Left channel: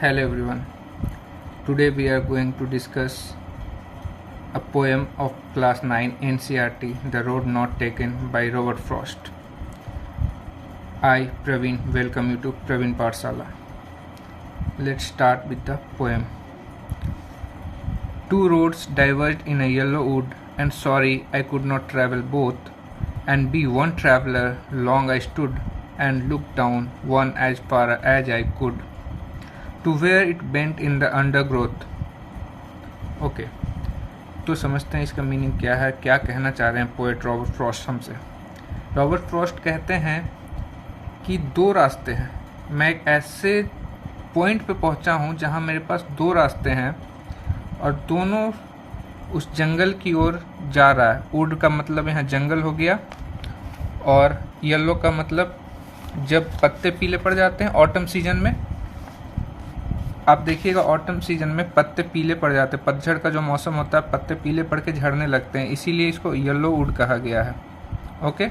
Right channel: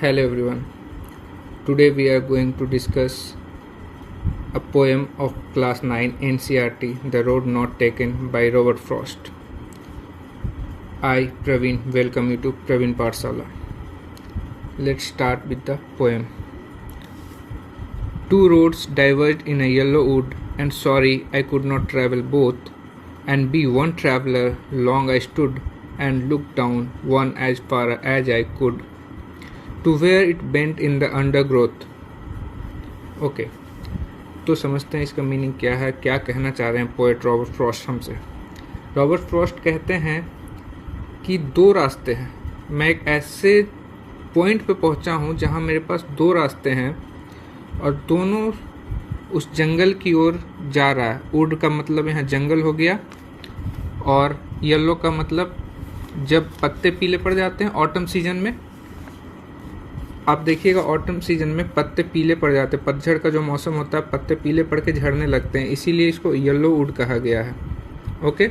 Hello everyone. Today we are going to discuss a poem of class 9 NCERT, The Road Not Taken by Robert Frost. I, Praveen, welcome you to Praveen Pathshala. Let's start with the poem. Two roads diverged in a yellow wood, and sorry I could not travel both, and be one traveller. Long I stood and looked down one as far as I could, to where it bent in the undergrowth. Okay, तो समझते हैं इसका meaning क्या है, क्या कहना चाह रहे हैं पोएट रॉबर्ट फ्रॉस्ट हमसे। रॉबर्ट फ्रॉस्ट कहते हैं कि दो रास्ते हैं। मैं एक ऐसे पॉइंट पे पहुंचा हूं जहां मेरे पास दो रास्ते हैं और दोनों उस जंगल की ओर जा रहा है। वुड का मतलब यहाँ जंगल हो गया, और येलो का मतलब जब पत्ते पीले पड़ जाते हैं ऑटम सीजन में। आप देखिएगा ऑटम सीजन में पत्ते पीले पड़ जाते हैं, पतझड़ का जो मौसम होता है पत्ते पीले पड़ के झड़ने लगते हैं, इसीलिए इसको येलो वुड कहा गया है। ओके,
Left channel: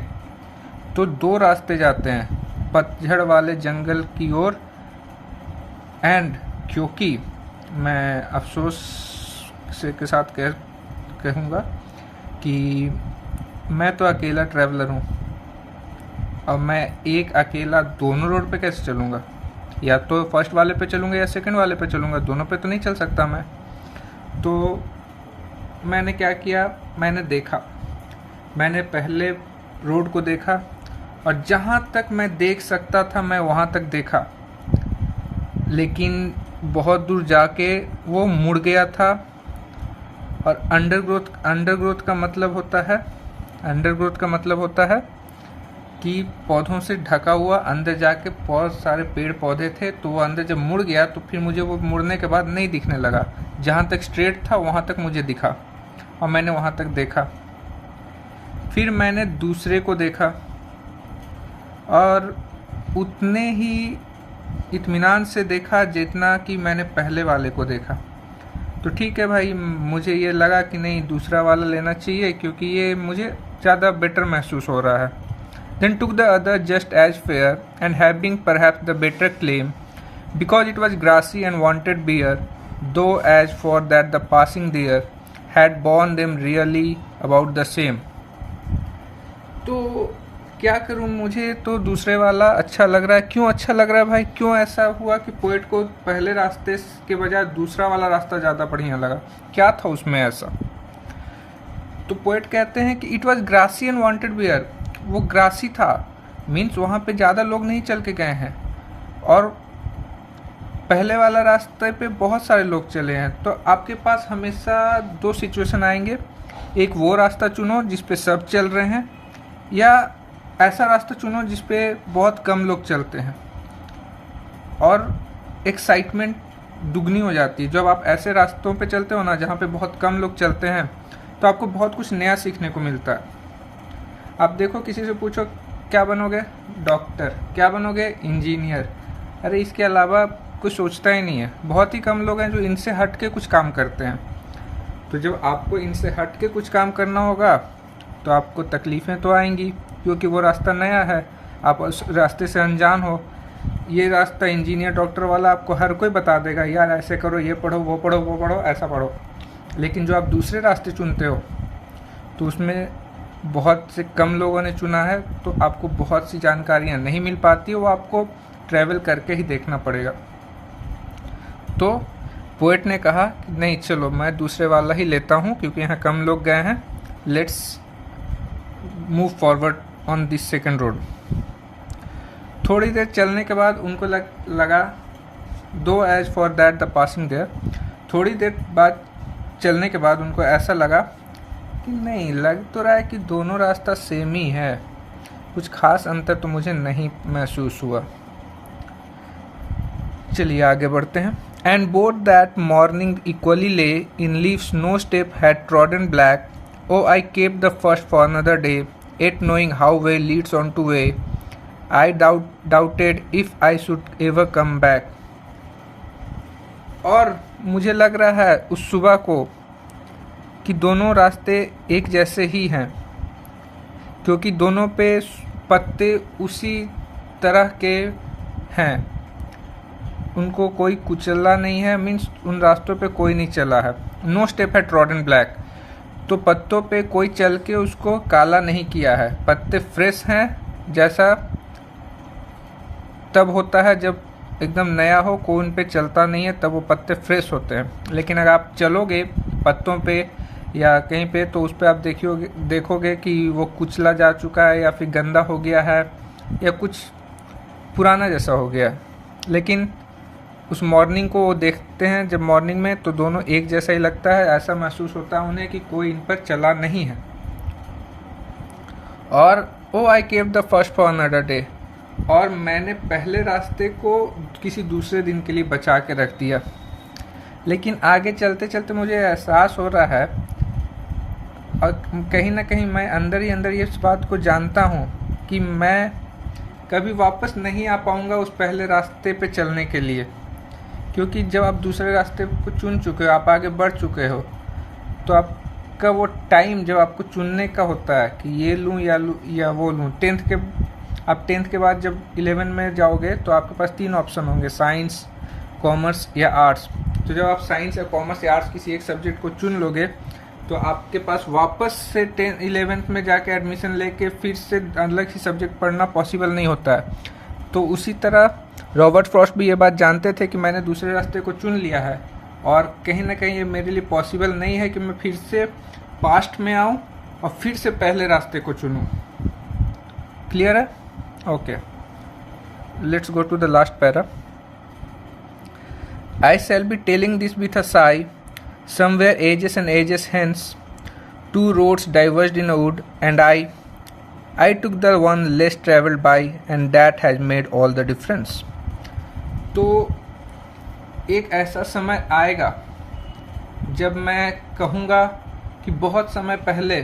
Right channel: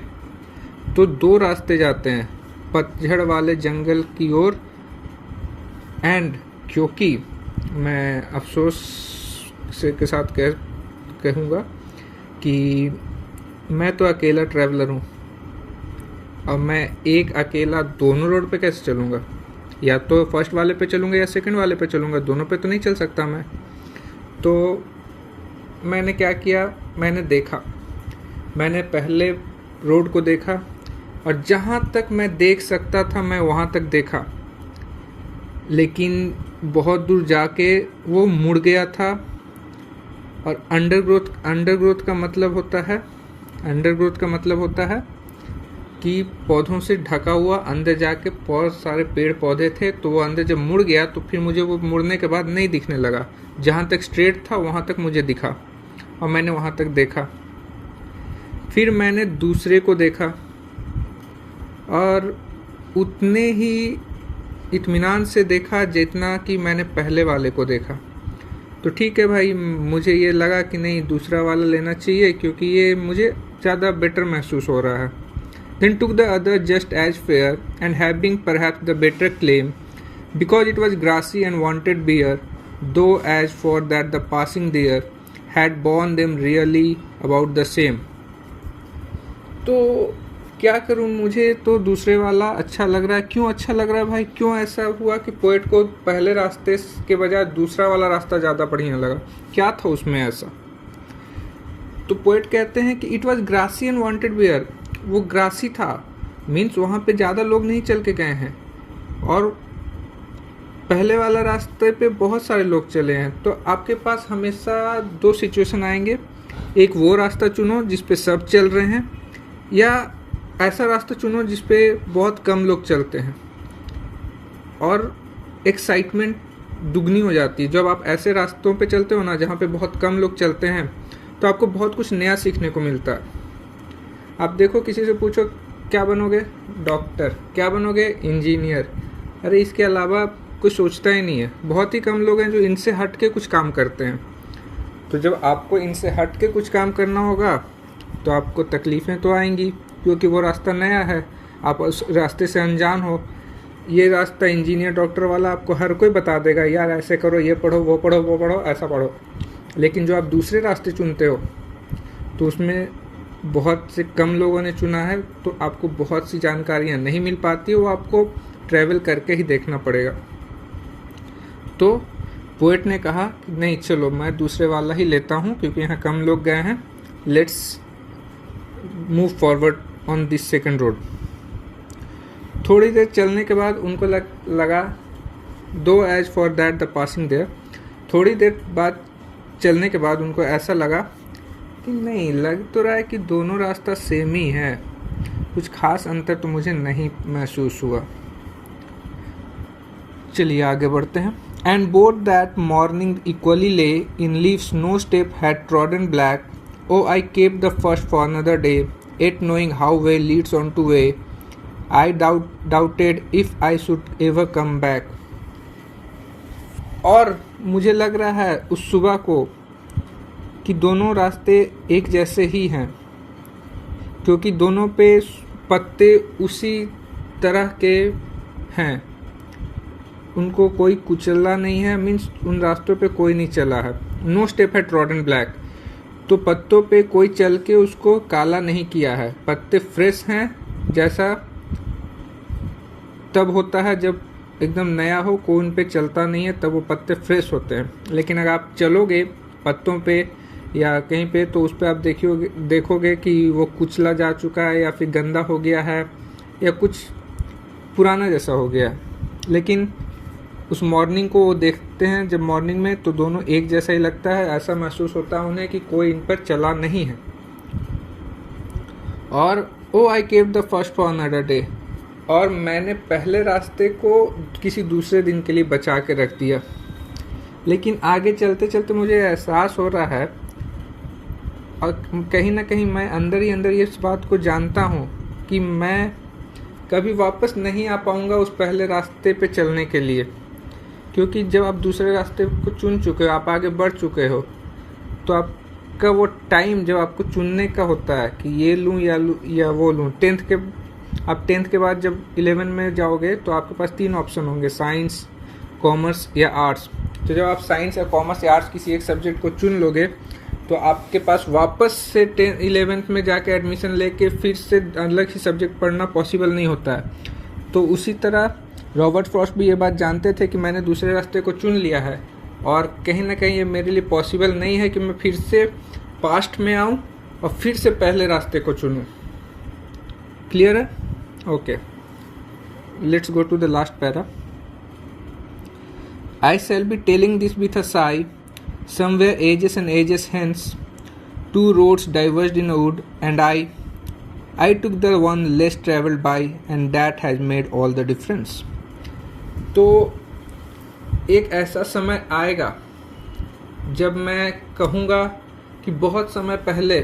तो दो रास्ते जाते हैं पतझड़ वाले जंगल की ओर। एंड क्योंकि मैं अफसोस से के साथ कहूँगा कि मैं तो अकेला ट्रैवलर हूँ, और मैं एक अकेला दोनों रोड पे कैसे चलूँगा? या तो फर्स्ट वाले पे चलूँगा या सेकंड वाले पे चलूँगा, दोनों पे तो नहीं चल सकता मैं। तो मैंने क्या किया, मैंने देखा, मैंने पहले रोड को देखा और जहाँ तक मैं देख सकता था मैं वहाँ तक देखा, लेकिन बहुत दूर जाके वो मुड़ गया था। और अंडरग्रोथ का मतलब होता है कि पौधों से ढका हुआ, अंदर जाके बहुत सारे पेड़ पौधे थे, तो वो अंदर जब मुड़ गया तो फिर मुझे वो मुड़ने के बाद नहीं दिखने लगा। जहाँ तक स्ट्रेट था वहाँ तक मुझे दिखा और मैंने वहाँ तक देखा। फिर मैंने दूसरे को देखा और उतने ही इत्मीनान से देखा जितना कि मैंने पहले वाले को देखा। तो ठीक है भाई, मुझे ये लगा कि नहीं दूसरा वाला लेना चाहिए क्योंकि ये मुझे ज़्यादा बेटर महसूस हो रहा है। Then took the other just as fair, and having perhaps the better claim, because it was grassy and wanted beer, though as for that the passing there had borne them really about the same. तो क्या करूं, मुझे तो दूसरे वाला अच्छा लग रहा है। क्यों अच्छा लग रहा है भाई? क्यों ऐसा हुआ कि पोएट को पहले रास्ते के बजाय दूसरा वाला रास्ता ज़्यादा बढ़िया लगा? क्या था उसमें ऐसा? तो पोएट कहते हैं कि it was grassy and wanted wear. वो ग्रासी था, मीन्स वहाँ पे ज़्यादा लोग नहीं चल के गए हैं, और पहले वाला रास्ते पे बहुत सारे लोग चले हैं। तो आपके पास हमेशा दो सिचुएशन आएंगे, एक वो रास्ता चुनो जिस पे सब चल रहे हैं, या ऐसा रास्ता चुनो जिस पे बहुत कम लोग चलते हैं, और एक्साइटमेंट दुगनी हो जाती है। जब आप ऐसे रास्तों पे चलते हो ना जहाँ पे बहुत कम लोग चलते हैं, तो आपको बहुत कुछ नया सीखने को मिलता है। आप देखो, किसी से पूछो क्या बनोगे, डॉक्टर, क्या बनोगे, इंजीनियर, अरे इसके अलावा कुछ सोचता ही नहीं है। बहुत ही कम लोग हैं जो इनसे हट के कुछ काम करते हैं। तो जब आपको इनसे हट के कुछ काम करना होगा तो आपको तकलीफ़ें तो आएंगी, क्योंकि वो रास्ता नया है, आप उस रास्ते से अनजान हो। ये रास्ता इंजीनियर डॉक्टर वाला आपको हर कोई बता देगा, यार ऐसे करो, ये पढ़ो, वो पढ़ो, वो पढ़ो, ऐसा पढ़ो। लेकिन जो आप दूसरे रास्ते चुनते हो तो उसमें बहुत से कम लोगों ने चुना है, तो आपको बहुत सी जानकारियाँ नहीं मिल पाती, वो आपको ट्रैवल करके ही देखना पड़ेगा। तो पोएट ने कहा कि नहीं, चलो मैं दूसरे वाला ही लेता हूँ क्योंकि यहाँ कम लोग गए हैं। Let's move forward on this second road. थोड़ी देर चलने के बाद उनको लगा though as for that the passing there. थोड़ी देर बाद चलने के बाद उनको ऐसा लगा कि नहीं, लग तो रहा है कि दोनों रास्ता सेम ही है, कुछ खास अंतर तो मुझे नहीं महसूस हुआ। चलिए आगे बढ़ते हैं। And both that morning equally lay in leaves no step had trodden black, oh I kept the first for another day, yet knowing how way leads on to way, I doubted if I should ever come back. और मुझे लग रहा है उस सुबह को कि दोनों रास्ते एक जैसे ही हैं, क्योंकि दोनों पे पत्ते उसी तरह के हैं। उनको कोई कुचला नहीं है, मीन्स उन रास्तों पे कोई नहीं चला है। नो स्टेप है ट्रॉडन ब्लैक, तो पत्तों पे कोई चल के उसको काला नहीं किया है। पत्ते फ्रेश हैं, जैसा तब होता है जब एकदम नया हो, कोई उन पे चलता नहीं है, तब वो पत्ते फ्रेश होते हैं। लेकिन अगर आप चलोगे पत्तों पे या कहीं पे, तो उस पर आप देखोगे कि वो कुचला जा चुका है या फिर गंदा हो गया है या कुछ पुराना जैसा हो गया। लेकिन उस मॉर्निंग को वो देखते हैं जब मॉर्निंग में, तो दोनों एक जैसा ही लगता है। ऐसा महसूस होता है उन्हें कि कोई इन पर चला नहीं है। और ओ आई केव the first for another day, और मैंने पहले रास्ते को किसी दूसरे दिन के लिए बचा के रख दिया। लेकिन आगे चलते चलते मुझे एहसास हो रहा है, और कहीं ना कहीं मैं अंदर ही अंदर इस बात को जानता हूँ कि मैं कभी वापस नहीं आ पाऊँगा उस पहले रास्ते पे चलने के लिए। क्योंकि जब आप दूसरे रास्ते को चुन चुके हो, आप आगे बढ़ चुके हो, तो आपका वो टाइम जब आपको चुनने का होता है कि ये लूँ या वो लूँ। आप टेंथ के बाद जब 11 में जाओगे तो आपके पास 3 ऑप्शन होंगे, साइंस, कॉमर्स या आर्ट्स। तो जब आप साइंस या कॉमर्स या आर्ट्स किसी एक सब्जेक्ट को चुन लोगे, तो आपके पास वापस से 11th में जाके एडमिशन लेके फिर से अलग ही सब्जेक्ट पढ़ना पॉसिबल नहीं होता है। तो उसी तरह रॉबर्ट फ्रॉस्ट भी ये बात जानते थे कि मैंने दूसरे रास्ते को चुन लिया है, और कहीं ना कहीं ये मेरे लिए पॉसिबल नहीं है कि मैं फिर से पास्ट में आऊँ और फिर से पहले रास्ते को चुनूँ। क्लियर है? Okay, let's go to the last para. I shall be telling this with a sigh. Somewhere ages and ages hence, 2 roads diverged in a wood, and I took the one less travelled by, and that has made all the difference. तो एक ऐसा समय आएगा जब मैं कहूँगा कि बहुत समय पहले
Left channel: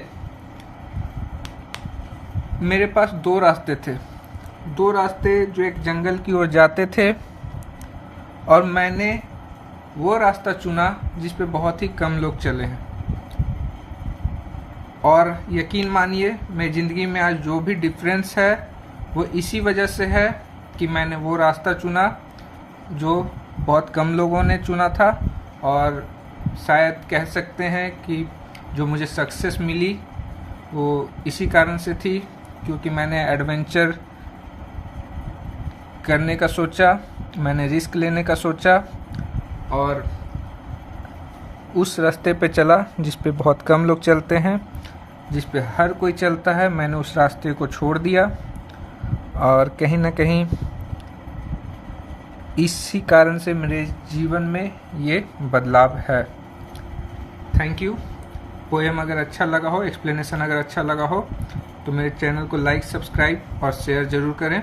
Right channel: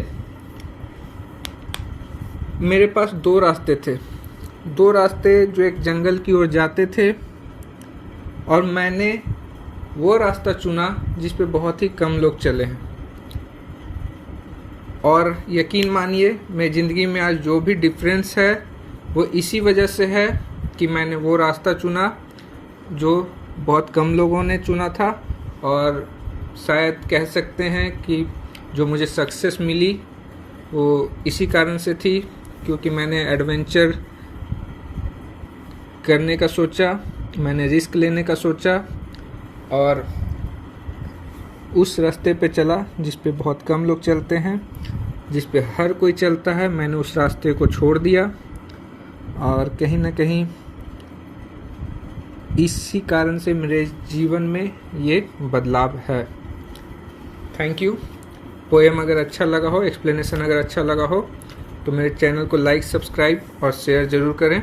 मेरे पास 2 रास्ते थे, 2 रास्ते जो एक जंगल की ओर जाते थे, और मैंने वो रास्ता चुना जिस पे बहुत ही कम लोग चले हैं। और यकीन मानिए, मेरी ज़िंदगी में आज जो भी डिफरेंस है वो इसी वजह से है कि मैंने वो रास्ता चुना जो बहुत कम लोगों ने चुना था। और शायद कह सकते हैं कि जो मुझे सक्सेस मिली वो इसी कारण से थी, क्योंकि मैंने एडवेंचर करने का सोचा, मैंने रिस्क लेने का सोचा, और उस रास्ते पे चला जिस पे बहुत कम लोग चलते हैं, जिस पे हर कोई चलता है। मैंने उस रास्ते को छोड़ दिया, और कहीं ना कहीं इसी कारण से मेरे जीवन में ये बदलाव है। Thank you. पोएम अगर अच्छा लगा हो, एक्सप्लेनेशन अगर अच्छा लगा हो, तो मेरे चैनल को लाइक, सब्सक्राइब और शेयर ज़रूर करें।